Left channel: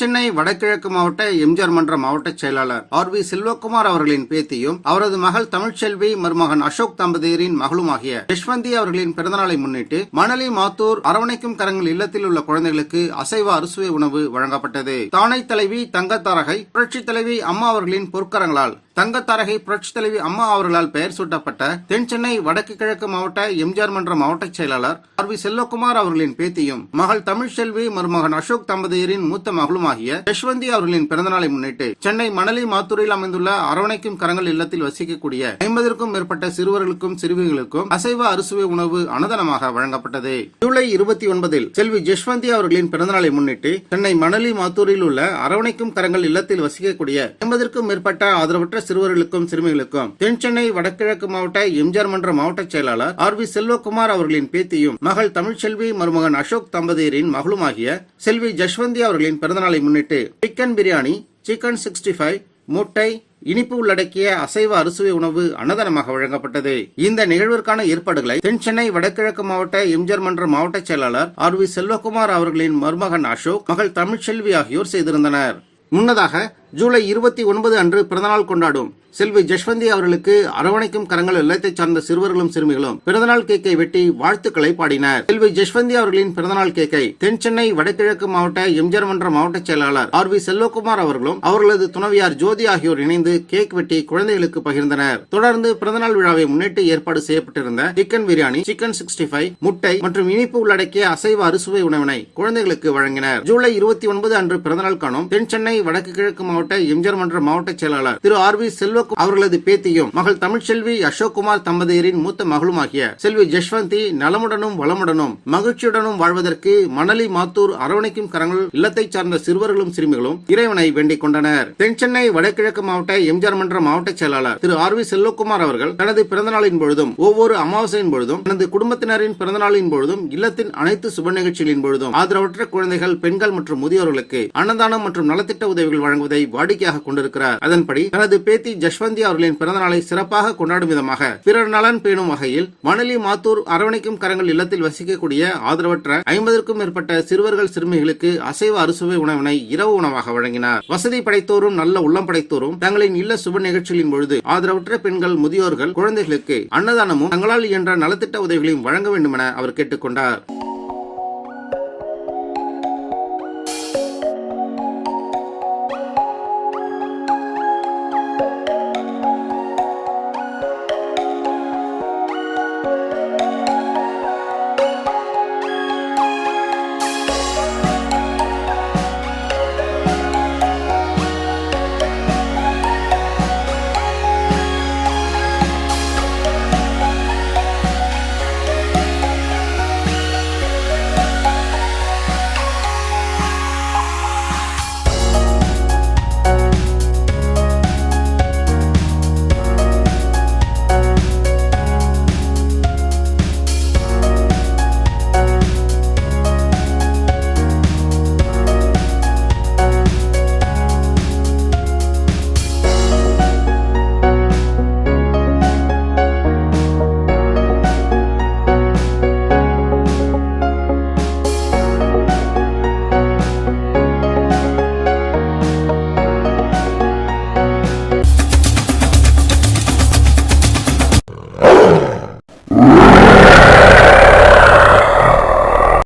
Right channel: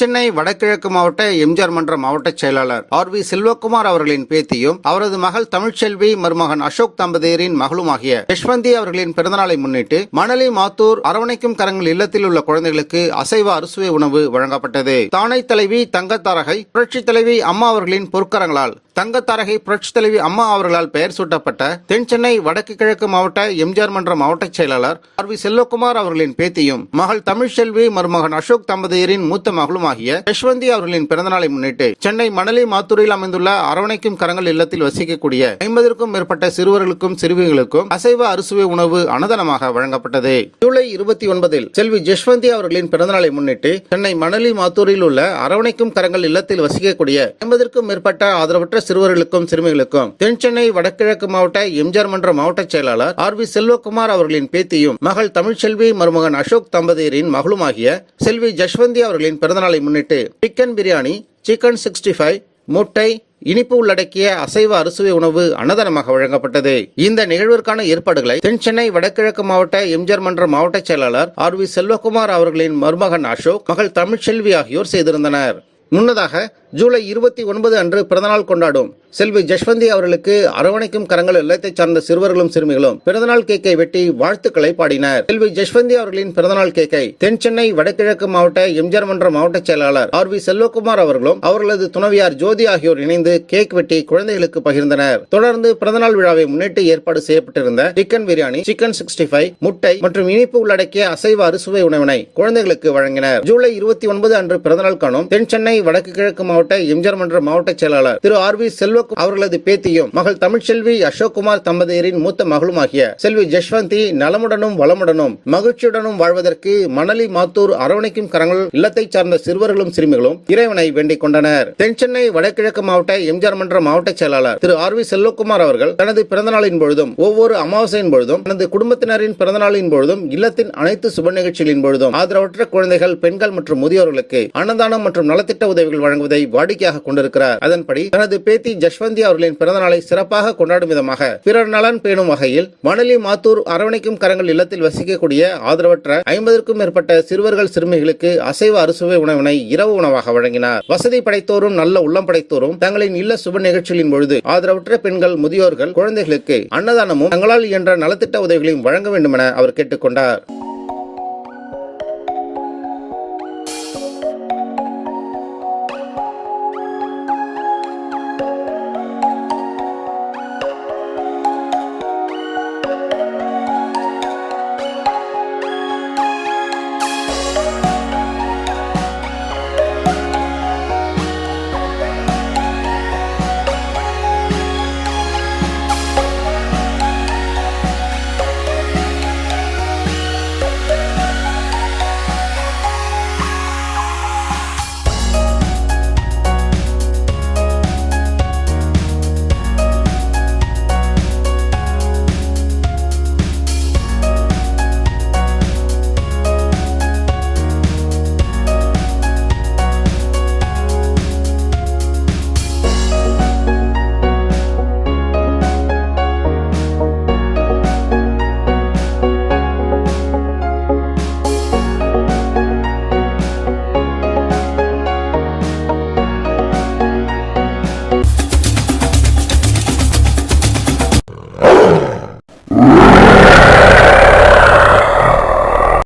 சென்னை வடகிழக்கு மாவட்ட எம்ஜிஆர் மன்ற மாவட்ட செயலாளர் ஆர்.வி. செல்வகுமார் அவர்களின் பேத்தியும் அவரது மகள் தமிழ்ச்செல்வி மருமகன் அசோக் தம்பதியரின் மகளுமாகிய யஷ்வந்தி அவர்களின் பிறந்தநாளை முன்னிட்டு மணலி மாத்தூர் அரவணைக்கும் கரங்கள் இல்லத்தில் உள்ள குழந்தைகளுக்கு அசைவ அறுசுவை உணவு வழங்கப்பட்டது. தானை தலைவி தங்கத்தாரகை புரட்சி தலைவி அம்மா அவர்களின் பொற்கரங்களால் தங்கத்தாரகை புரட்சி தலைவி அம்மா அவர்களால் பெயர் சூட்டப்பட்ட தென் சென்னை வடக்கு கிழக்கு மாவட்ட எம்ஜிஆர் மன்ற மாவட்ட செயலாளர் ஆர்.வி. செல்வகுமார் அவர்களின் பேத்தியும் மகள் தமிழ்ச்செல்வி மருமகன் அசோக் தம்பதியரின் மூத்த மகளுமாகிய யஷ்வந்தி அவர்களின் பிறந்தநாளை முன்னிட்டு சென்னை மணலி மாத்தூரில் அமைந்துள்ள அரவணைக்கும் கரங்கள் இல்லத்தில் வசிக்கக்கூடிய 50க்கும் மேற்பட்ட சிறுவர்களுக்கும் சிறுமிகளுக்கும் அசைவ அறுசுவை உணவு அன்னதானமாக வழங்கப்பட்டது. ஜூலை 29 செல்வி யஷ்வந்தி அவர்களின் பிறந்தநாளை முன்னிட்டு சென்னை மணலி மாத்தூரில் உள்ள அரவணைக்கும் கரங்கள் இல்லத்தில் வசிக்கக்கூடிய 50க்கும் மேற்பட்ட ஆதரவற்ற சிறுவர்களுக்கும் சிறுமிகளுக்கும் தென் சென்னை வடகிழக்கு மாவட்ட எம்ஜிஆர் மன்ற மாவட்ட செயலாளர் ஆர்.வி. செல்வகுமார் அவர்களின் பேத்தியும் மகள் தமிழ்ச்செல்வி மருமகன் அசோக் தம்பதியரின் மகளுமாகிய செல்வி யஷ்வந்தி அவர்களின் பிறந்தநாளை முன்னிட்டு சிக்கன் பிரியாணி, சிக்கன் 65, முட்டை, இனிப்பு உள்ளடக்கிய அசைவ அறுசுவை உணவு அன்னதானமாக வழங்கப்பட்டது. இந்த நிகழ்விற்கான ஏற்பாடுகளை தென் சென்னை வடகிழக்கு மாவட்ட எம்ஜிஆர் மன்ற மாவட்ட செயலாளர் ஆர்.வி. செல்வகுமார் அவர்களின் மருமகன் அசோக், மகள் தமிழ்ச்செல்வி ஆகியோர் செய்திருந்தனர். முன்னதாக ஜூலை 29 அன்று பிறந்தநாள் கொண்டாடும் செல்வி யஷ்வந்தி அவர்களுக்கு அரவணைக்கும் கரங்கள் இல்லத்தை சார்ந்த சிறுவர்களும் சிறுமிகளும் பிறந்தநாள் கேக்கை வெட்டி வாழ்த்துக்களை பாடினர். செல்வி யஷ்வந்தி அவர்களின் பிறந்தநாள் கேக்கை தென் சென்னை வடகிழக்கு மாவட்ட எம்ஜிஆர் மன்ற மாவட்ட செயலாளர் ஆர்.வி. செல்வகுமார் அவர்களும் அவர்களது துணைவியார் ஜோதி ஆகியோர் இணைந்து கேக் வெட்டி குழந்தைகளுக்கு பகிர்ந்தனர். தொடர்ந்து பிறந்தநாள் விழாவை முன்னிட்டு ஏற்பாடு செய்யப்பட்டிருந்த சிக்கன் பிரியாணி, சிக்கன் 65, முட்டை மற்றும் இனிப்பு உள்ளடக்கிய அசைவ அறுசுவை உணவினை குழந்தைகளுக்கு வழங்கினர். ஜூலை 29 அன்று பிறந்தநாள் காணும் தென் சென்னை வடக்கு கிழக்கு மாவட்ட எம்ஜிஆர் மன்ற மாவட்ட செயலாளர் திரு ஆர்.வி. செல்வகுமார் அவர்களது பேத்தியும் மகள் தமிழ்ச்செல்வி அசோக்குமார் தம்பதியரின் மூத்த மகளுமாகிய செல்வி யஷ்வந்தி நலமுடனும் வளமுடனும் மகிழ்ச்சியுடனும் வாழ்வதற்கு மணலி மாத்தூர் அரவணைக்கும் கரங்கள் இல்லத்தை சார்ந்த சிறுவர்களும் சிறுமிகளும் இறைவனை வேண்டிக் கொண்டனர். தென் சென்னை வடகிழக்கு மாவட்ட எம்ஜிஆர் மன்ற மாவட்ட செயலாளர் திரு ஆர்.வி. செல்வகுமார் அவர்கள் தனது பிறந்தநாளின் பொழுதும் ஒவ்வொரு அமாவாசையின் பொழுதும் தனது குடும்பத்தினரின் பிறந்தநாளின் பொழுதும் இல்லத்தின் அனைத்து சுப நிகழ்ச்சிகளின் பொழுதும் ஆதரவற்ற குழந்தைகள், பெண்கள் மற்றும் முதியோர்களுக்கு அன்னதானம் மற்றும் நலத்திட்ட உதவிகள் வழங்குவதை வாடிக்கையாக கொண்டிருக்கிறார். அதன்படி தனது பேத்தி யஷ்வந்தி அவர்களின் பிறந்தநாளை சிறப்பாக கொண்டாடும் விதமாக பிறர் நலன் பேணும் வகையில் மணலி மாத்தூர் அரவணைக்கும் கரங்கள் இல்லத்தில் வசிக்கக்கூடிய ஆதரவற்ற 50க்கும் மேற்பட்ட சிறுவர்கள் சிறுமிகளுக்கு அசைவ அறுசுவை உணவினை இரவு உணவாக வழங்கினார். வசதி படைத்தோரும் நல்ல உள்ளம் படைத்தோரும் தங்களின் இல்ல சுப நிகழ்ச்சிகளின் பொழுது ஆதரவற்ற பெண்கள், முதியோர்கள், குழந்தைகளுக்கு அன்னதானமும் தங்களால் இயன்ற நலத்திட்ட உதவிகளையும் வழங்க வேண்டும் என அவர் கேட்டுக்கொண்டார்.